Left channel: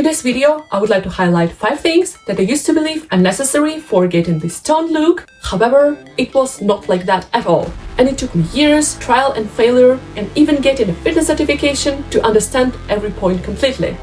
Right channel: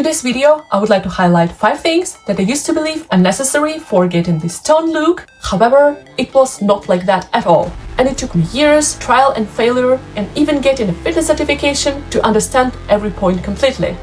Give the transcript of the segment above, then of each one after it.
In this video, I would like to highlight 5 things that I used to believe are necessary for getting this toned look. However, it was not like that at all. And it took me years, trial and failure, and even getting a fitness certification to understand every point completely.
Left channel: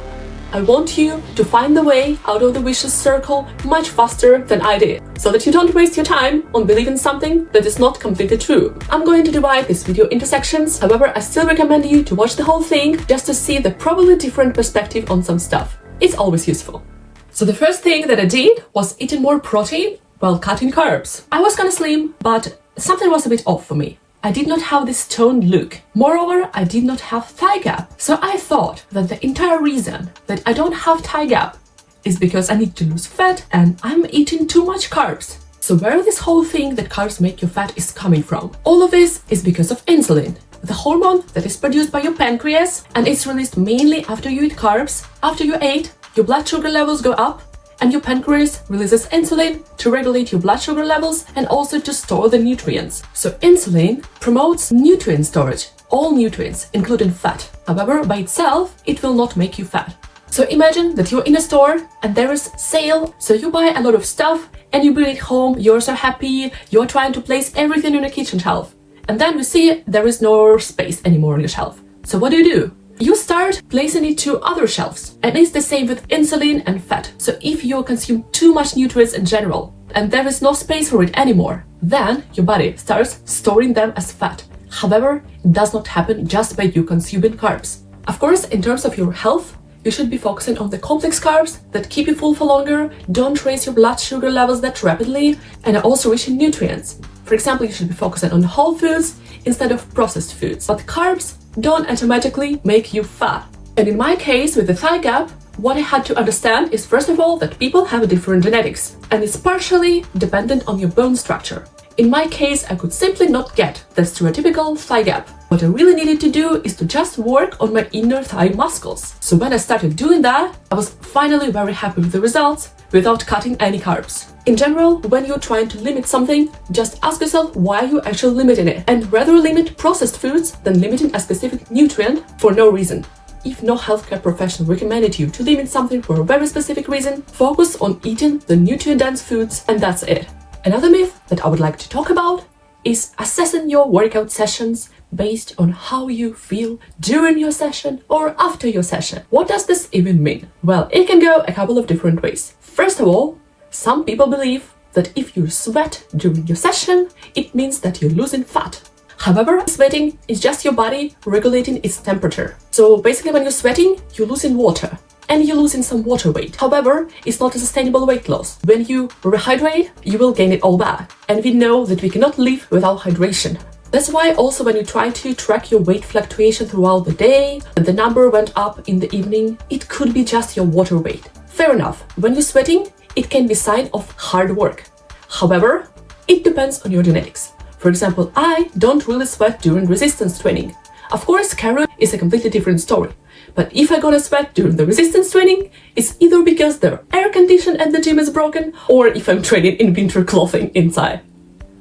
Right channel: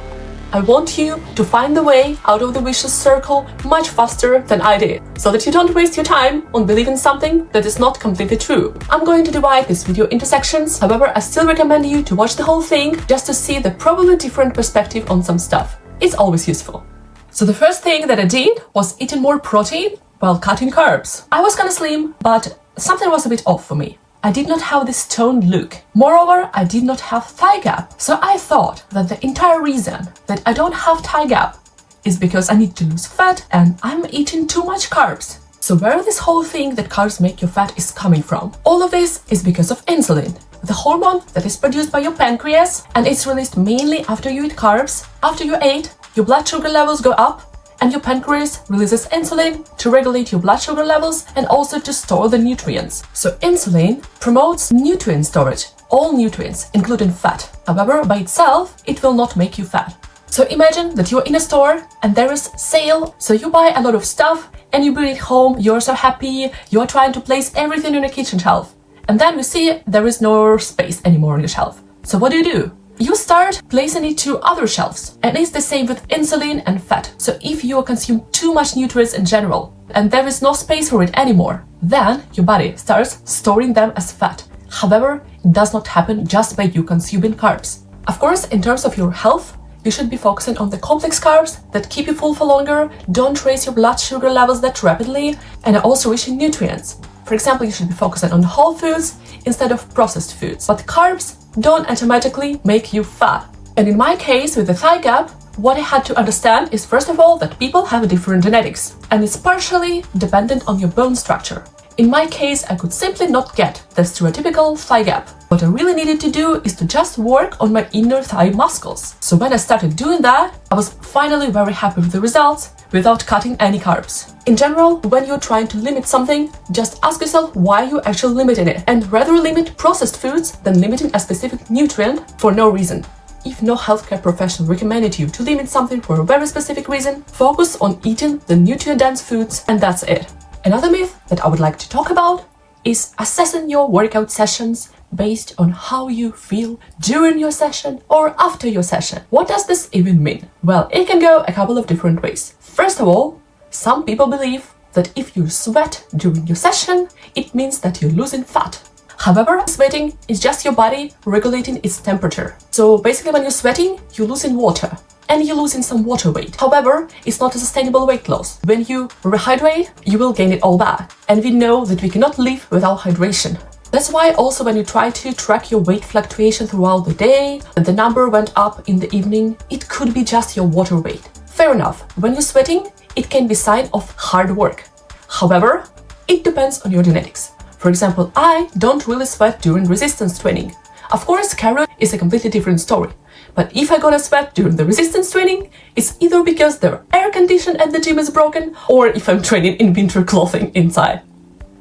I want you to find the way out of the vicious circle much faster than I did, so that you don't waste your time on believing something that is not completely true. I'm going to divide this video into sections, however, I still recommend you to watch the whole thing just to see the probably different perspective on some stuff. It's always useful. So the first thing that I did was eating more protein while cutting carbs. I was kinda slim, but something was a bit off for me. I did not have this toned look. Moreover, I did not have thigh gap. So I thought that the entire reason that I don't have thigh gap is because I need to lose fat and I'm eating too much carbs. So where this whole thing that carbs make you fat is coming from? All of this is because of insulin, the hormone that is produced by your pancreas, and it's released mainly after you eat carbs. After you ate, your blood sugar levels go up, and your pancreas releases insulin to regulate your blood sugar levels and also to store the nutrients. So insulin promotes nutrient storage, all nutrients, including fat. However, by itself, it will not make you fat. So imagine that you're in a store and there is sale, so you buy a lot of stuff and you bring it home, you're so happy, you're trying to place everything on a kitchen shelf. And then you see there is no space anymore on your shelf. So what do? You start placing it to other shelves, and it's the same with insulin and fat. So if you consume too much nutrients in general and there is no space for it anymore, then your body starts storing them as fat. However, it does not happen just by you consuming carbs. Of course, in terms of your health, you should be focusing on the complex carbs that keep you full for longer, don't raise your blood sugar levels that rapidly, and are also rich in nutrients. For example, you should be focusing on whole foods instead of processed foods. But carbs don't automatically make you fat. And in my case, with the thigh gap, what I had to understand is, first of all, that people have different genetics, and it's partially dependent on your bone structure. In my case, I could simply not get the stereotypical thigh gap. What I really needed to do is to just work on my inner thigh muscles. So when I started doing that, I was finally very happy with the results without cutting any carbs. In general, when you're trying to limit something, just ask yourself why you're actually limiting it, and rather limit processed foods than limiting a specific nutrient for no reason. If no healthcare professional recommended you to limit something for a very specific reason, focus on eating the nutrient-dense foods, and that's it. Another myth that I would like to talk about is assessing your workout sessions based on how you feel during your session or after your session. What does this even mean? Well, it can go a couple of different ways. First of all, some people believe that if you sweat during your session, it means that you're losing fat. However, sweating is just your body regulating its temperature. So basically when you're sweating, you're losing water and you're losing some water weight. However, it's not a sustainable weight loss. When you rehydrate, you will gain it all back. And we know that we cannot live without hydration. That's why also when you try to track your weight fluctuation throughout the day, and the number went up in the evening, it could be just your water weight. Fair enough, when you're sweating, it can be a sign of hard work. However, it depends on your genetics. For example, I don't really sweat during resistance training. Of course, cardio is a completely different story. But if I'm gonna sweat during the resistance training, it's either because the air condition at the gym is broken, or if I'm training in winter clothing inside.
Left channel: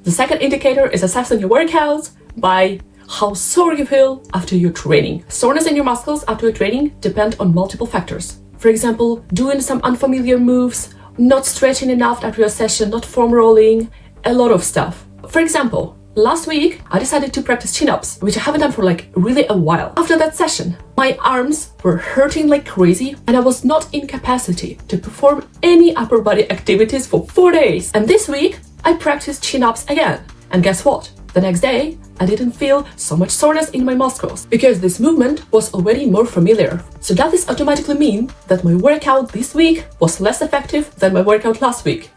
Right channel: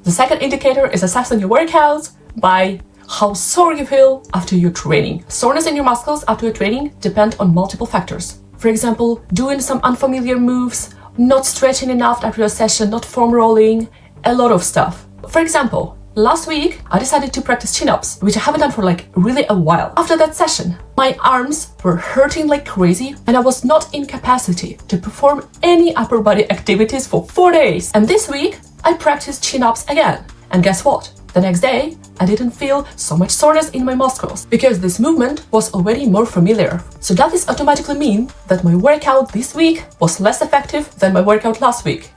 The second indicator is assessing your workouts by how sore you feel after your training. Soreness in your muscles after your training depend on multiple factors. For example, doing some unfamiliar moves, not stretching enough after a session, not foam rolling, a lot of stuff. For example, last week I decided to practice chin-ups, which I haven't done for really a while. After that session, my arms were hurting like crazy and I was not in capacity to perform any upper body activities for 4 days. And this week, I practiced chin-ups again. And guess what? The next day, I didn't feel so much soreness in my muscles because this movement was already more familiar. So does this automatically mean that my workout this week was less effective than my workout last week?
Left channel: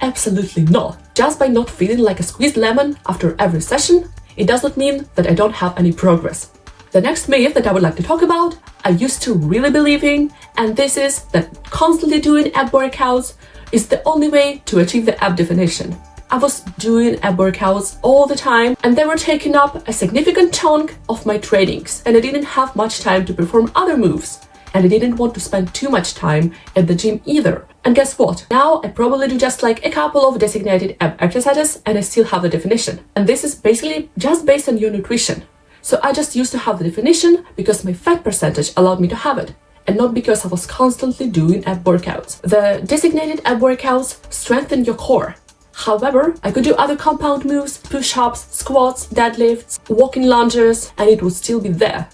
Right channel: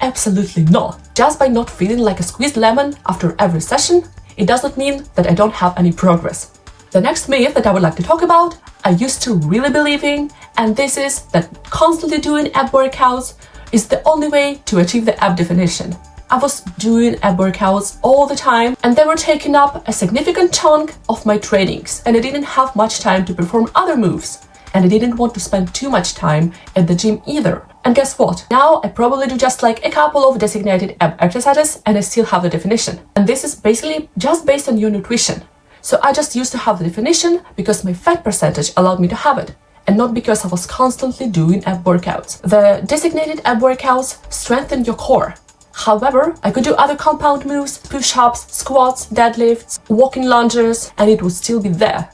Absolutely not. Just by not feeling like a squeezed lemon after every session, it does not mean that I don't have any progress. The next myth that I would like to talk about, I used to really believe in, and this is that constantly doing ab workouts is the only way to achieve the ab definition. I was doing ab workouts all the time and they were taking up a significant chunk of my trainings, and I didn't have much time to perform other moves, and I didn't want to spend too much time at the gym either. And guess what? Now I probably do just a couple of designated ab exercises and I still have the definition. And this is basically just based on your nutrition. So I just used to have the definition because my fat percentage allowed me to have it. and not because I was constantly doing ab workouts. The designated ab workouts strengthen your core. However, I could do other compound moves, push-ups, squats, deadlifts, walking lunges, and it would still be there.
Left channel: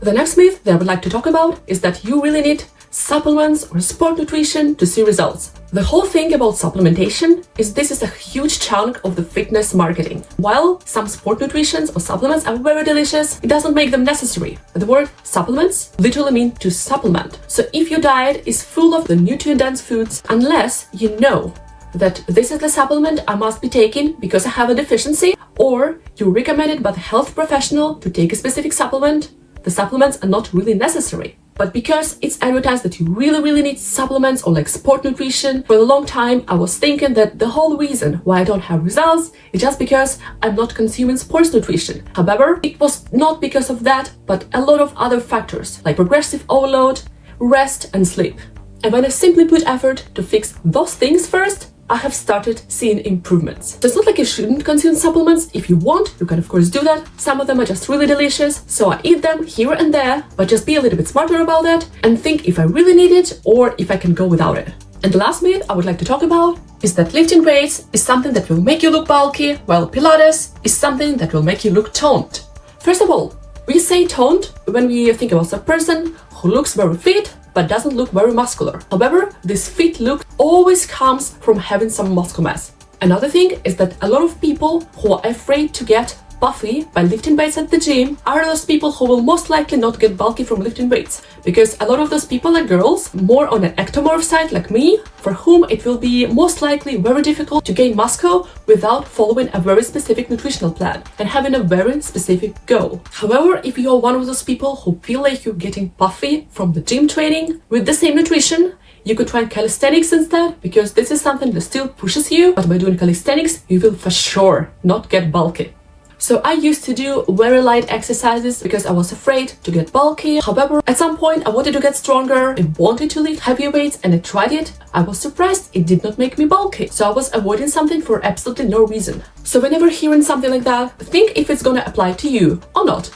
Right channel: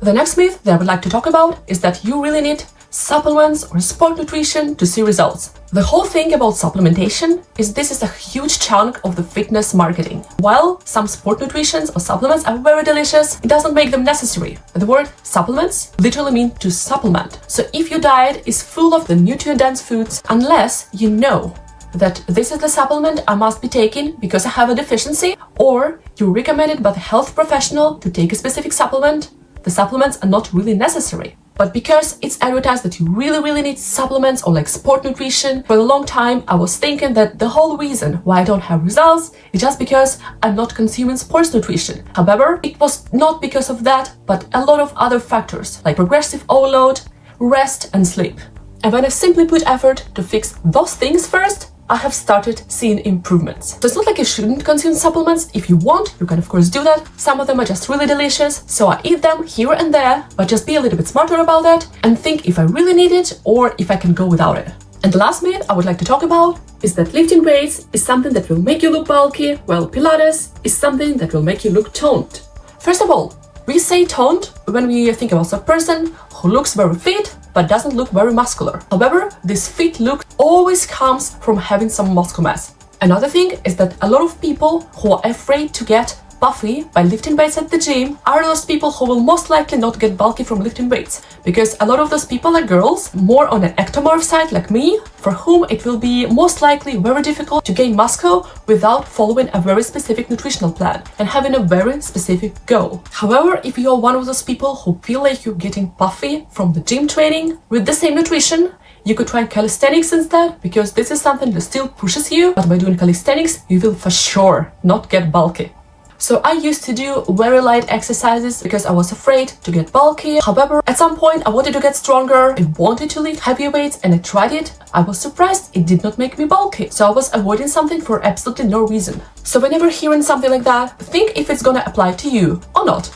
The next myth that I would like to talk about is that you really need supplements or sport nutrition to see results. The whole thing about supplementation is this is a huge chunk of the fitness marketing. While some sport nutritions or supplements are very delicious, it doesn't make them necessary. The word supplements literally means to supplement. So if your diet is full of the nutrient-dense foods, unless you know that this is the supplement I must be taking because I have a deficiency, or you're recommended by the health professional to take a specific supplement, the supplements are not really necessary. But because it's advertised that you really need supplements or like sport nutrition, for a long time I was thinking that the whole reason why I don't have results is just because I'm not consuming sports nutrition. However, it was not because of that, but a lot of other factors like progressive overload, rest and sleep. And when I simply put effort to fix those things first, I have started seeing improvements. So it's not like you shouldn't consume supplements. If you want, you can of course do that. Some of them are just really delicious, so I eat them here and there, but just be a little bit smarter about that and think if I really need it or if I can go without it. And the last myth I would like to talk about is that lifting weights is something that will make you look bulky, while Pilates is something that will make you look toned. First of all, we say toned when we think about a person who looks very fit but doesn't look very muscular. However, this fit look always comes from having some muscle mass. Another thing is that a lot of people who are afraid to get puffy by lifting weights at the gym are those people who will most likely not get bulky from lifting weights, because a lot of those people are girls, more on an ectomorph side like me, for whom it will be most likely very difficult to gain muscle without following a very specific nutritional plan and having a very specific goal. However, if you are one of those people who feel like you're getting puffy from the gym training with the same nutrition, you could try calisthenics instead, because this is something that still pushes you, but by doing calisthenics, you will for sure not get bulky. So I used to do very light exercises because I was afraid to get bulky. However, at some point I wanted to get stronger, I wanted to lift heavier weights, and I tried it. I was surprised it did not make me bulky. So I was avoiding something for absolutely no reason. So whenever hearing something like that, think if it's gonna apply to you or not.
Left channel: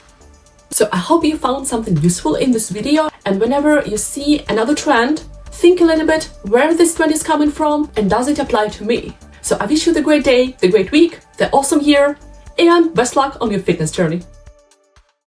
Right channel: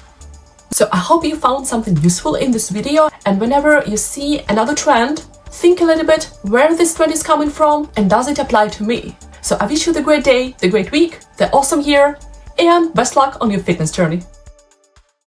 So I hope you found something useful in this video, and whenever you see another trend, think a little bit where this trend is coming from and does it apply to me. So I wish you the great day, the great week, the awesome year, and best luck on your fitness journey.